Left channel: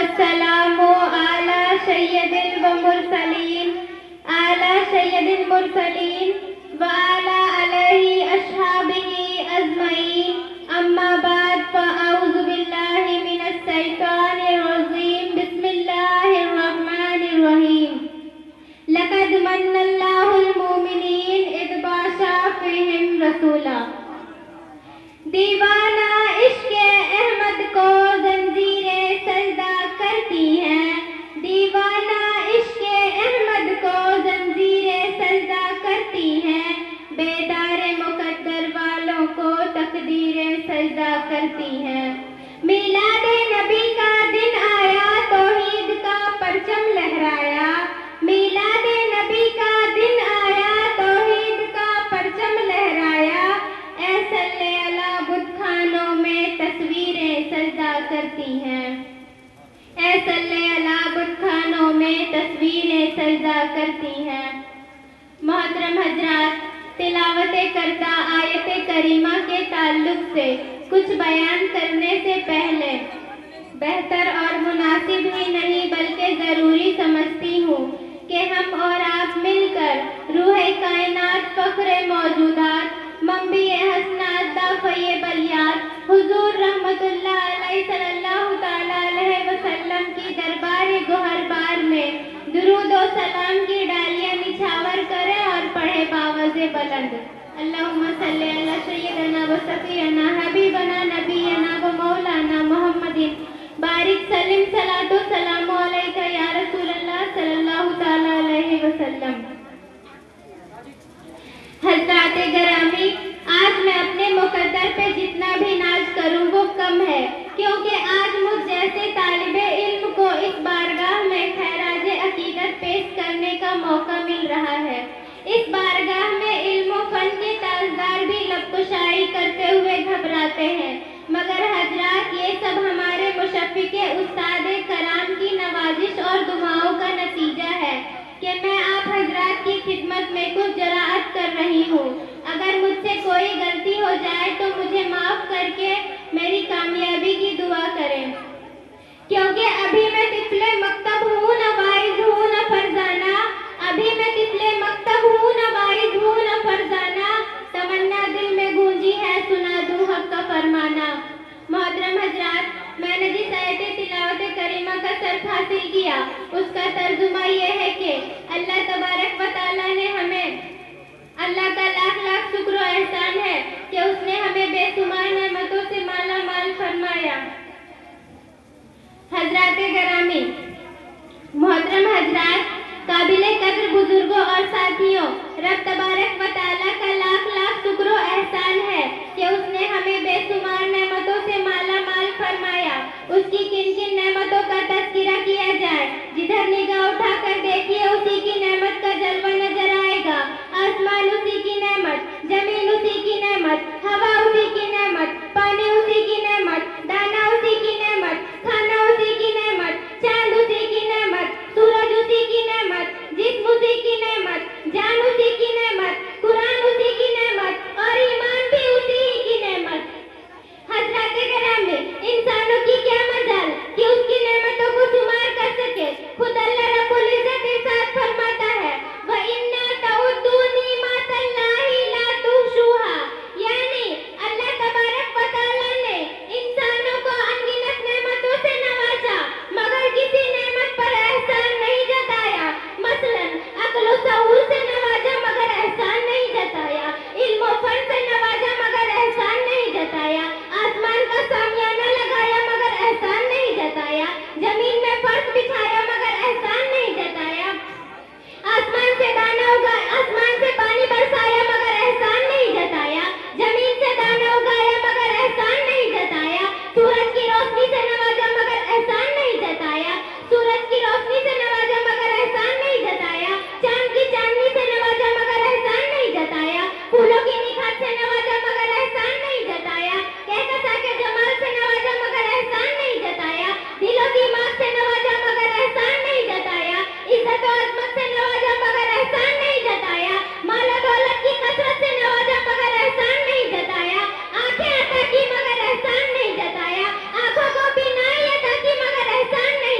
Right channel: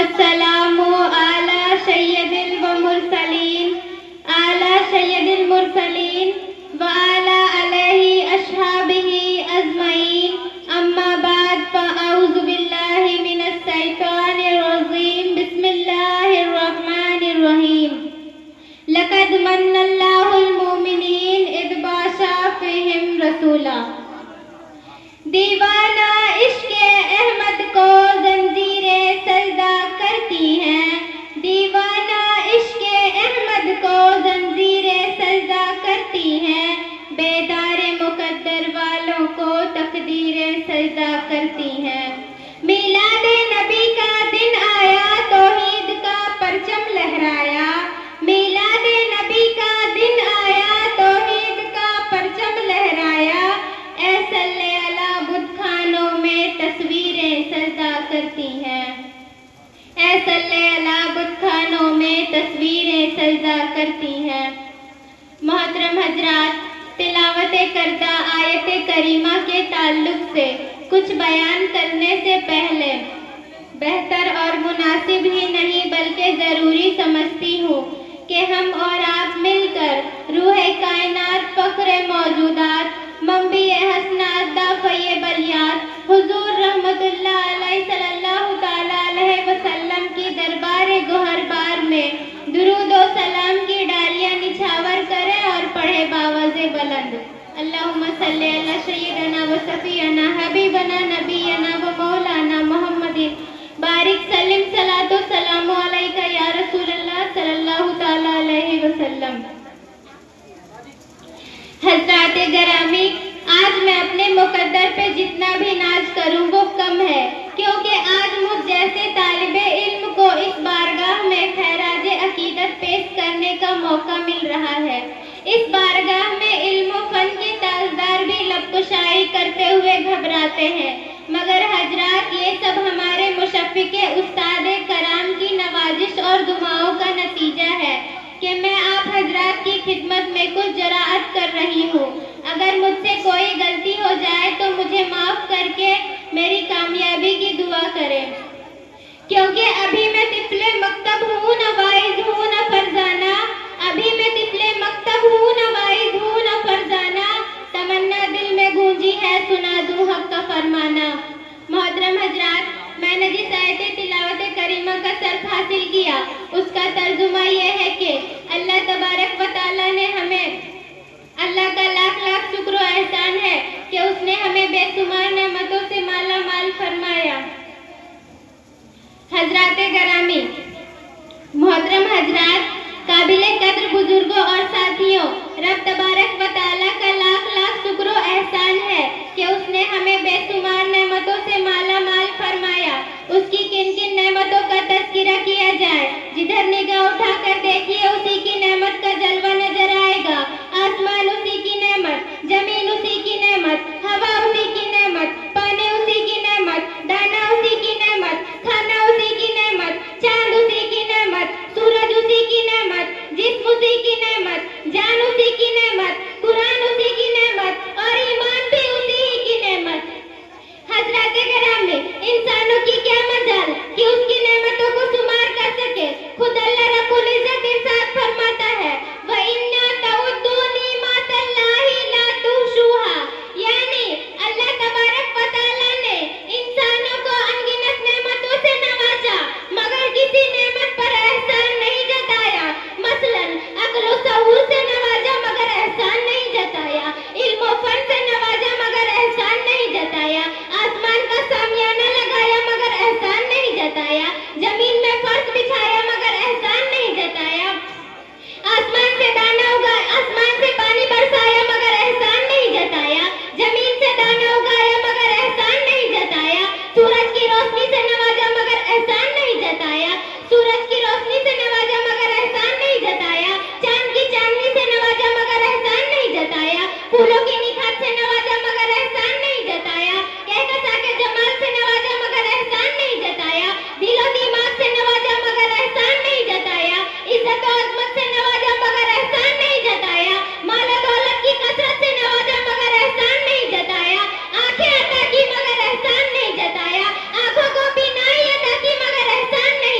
والسلام على سيد المرسلين وعلى آله أصحابه أجمعين. أما بعد فأعوذ بالله من الشيطان الرجيم. بسم الله الرحمن الرحيم. لقد من الله المؤمنين إذ بعث فيهم رسولا. دیوانہ عشق احمد کو زنجیریں سجدہ کرتی ہیں. دیوانہ عشق احمد کو زنجیریں سجدہ کرتی ہیں. بیدار مقدر والوں کو تقدیریں سجدہ کرتی ہیں. میلاد نبی کا دن آیا توحید کا پرچم لہرایا. میلاد نبی کا دن آیا توحید کا پرچم لہرایا. اے صلی اللہ بت خانوں میں تصویریں سجدہ کرتی ہیں. اے صلی اللہ بت خانوں میں تصویریں سجدہ کرتی ہیں. محترم حضرات، تلاوت کردہ آیت کریمہ کے تعلق سے کچھ بیان کرنے سے پہلے بہتر اور مناسب ہی نہیں بلکہ ضروری سمجھتی ہوں کہ ہم اور آپ مل کر روح کائنات، فخر موجودات، منبع حسنات، دافع بلیات، حضور رحمت اللہ علیہ صلی اللہ تعالیٰ علیہ وسلم کی دربار گوہر بار میں درود و سلام کی ڈالیاں نچھاور کرے اور پڑھے باوز بلند. اللہم صلی علی سیدنا و صفینا حبیبنا نبینا و مولانا محمد بارک سلم صلاۃ و سلام علیک یا رسول اللہ صلی اللہ تعالیٰ علیہ وسلم. حضرات گرامی، آج میں اپنے مقدر پہ جتنا بھی ناز کروں وہ کم ہے، کیونکہ آج مجھ جیسے طالب علم کو اس بارگاہ میں خراج عقیدت پیش کرنے کا موقع مل رہا ہے. اس بارگاہ میں علم و فن کے تاجدار بھی لب کشائی کرتے ہوئے گھبراتے ہیں، مگر حضرات یہ سب ہمارے مشفق استاد کرام کی نوازش اور دعاؤں کا نتیجہ ہے کہ میں آپ حضرات کی خدمت میں کچھ جرأت کر رہی ہوں. اگر مجھ سے کوئی غلطی ہو جائے تو مجھے معاف کر کے میری کامیابی کی دعا کریں، کیونکہ ابھی میں طفل مکتب ہوں، نہ واعظ ہوں نہ فرزانہ. ابھی میں طفل مکتب ہوں، نہ واعظ ہوں نہ فرزانہ. تمنا دل میں گونجی ہے، سنا دوں حق کا فرمانا. محترم حضرات، میں نے جس آیت تلاوت کریمہ کا سرف حاصل کیا اس کا ترجمہ یہ ہے کہ اللہ تبارک و تعالیٰ نے ہمیں، اللہ کا لاکھ لاکھ شکر و احسان ہے کہ اس نے ہمیں بے شمار نعمتوں سے مالا مال فرمایا. حضرات گرامی، محترم حضرات، قابل قدر بزرگوں اور ساتھیوں، رب تبارک و تعالیٰ کا لاکھ لاکھ شکر و احسان ہے کہ اس نے ہمیں بے شمار نعمتوں سے مالا مال فرمایا. اس کی کن کن نعمتوں کا تذکرہ کیا جائے، جدھر نگاہ اٹھا کر دیکھیے اسی کی نعمت کا جلوہ نظر آئے گا. آسمان اسی کی نعمت، زمین اسی کی نعمت، ہوا اسی کی نعمت، پانی اسی کی نعمت، دانا اسی کی نعمت، کھانا اسی کی نعمت، چاند اسی کی نعمت، سورج اسی کی نعمت، جسم اسی کی نعمت، جان اسی کی نعمت، قرآن اسی کی نعمت اور ایمان بھی اسی ہی کی نعمت. حضرات گرامی، انسانوں کی کیا مجال کہ اس کی نعمتوں کو شمار کر سکے. خود اللہ رب العزت ارشاد فرماتا ہے وَإِنَّا تَعُدُّوا نِعْمَتَ اللَّهِ لَا تُحْصُوهَا. یعنی اللہ تبارک و تعالیٰ نے انسانوں کو انگنت نعمتوں سے نوازا مگر کسی نعمت پر احسان نہیں جتایا. مثلا عقل و شعور سے نوازا مگر احسان نہیں جتایا، علم و فن سے نوازا مگر احسان نہیں جتایا، آسمان کا سامیانہ لگایا مگر احسان نہیں جتایا، زمین میں فرش بچھایا مگر احسان نہیں جتایا، آسمان سے دانا اگایا، آسمان سے پانی برسایا مگر احسان نہیں جتایا، زمین سے دانا اگایا مگر احسان نہیں جتایا، سورج کی روشنی سے نوازا مگر احسان نہیں جتایا، سورج کی روشنی سے نوازا مگر احسان نہیں جتایا، چاند کی چاندنی سے نوازا مگر احسان نہیں جتایا، پھولوں کی نکھات سے نوازا مگر احسان نہیں جتایا، کہکشاں کے جمال سے نوازا مگر احسان نہیں جتایا، دل و دماغ سے نوازا مگر احسان نہیں جتایا، عزت و عظمت سے نوازا مگر احسان نہیں جتایا، مال و دولت کی کثرت سے نوازا مگر احسان نہیں جتایا، آنکھیں عطا کی مگر احسان نہیں جتایا، آنکھوں کو بینائی عطا کی مگر احسان نہیں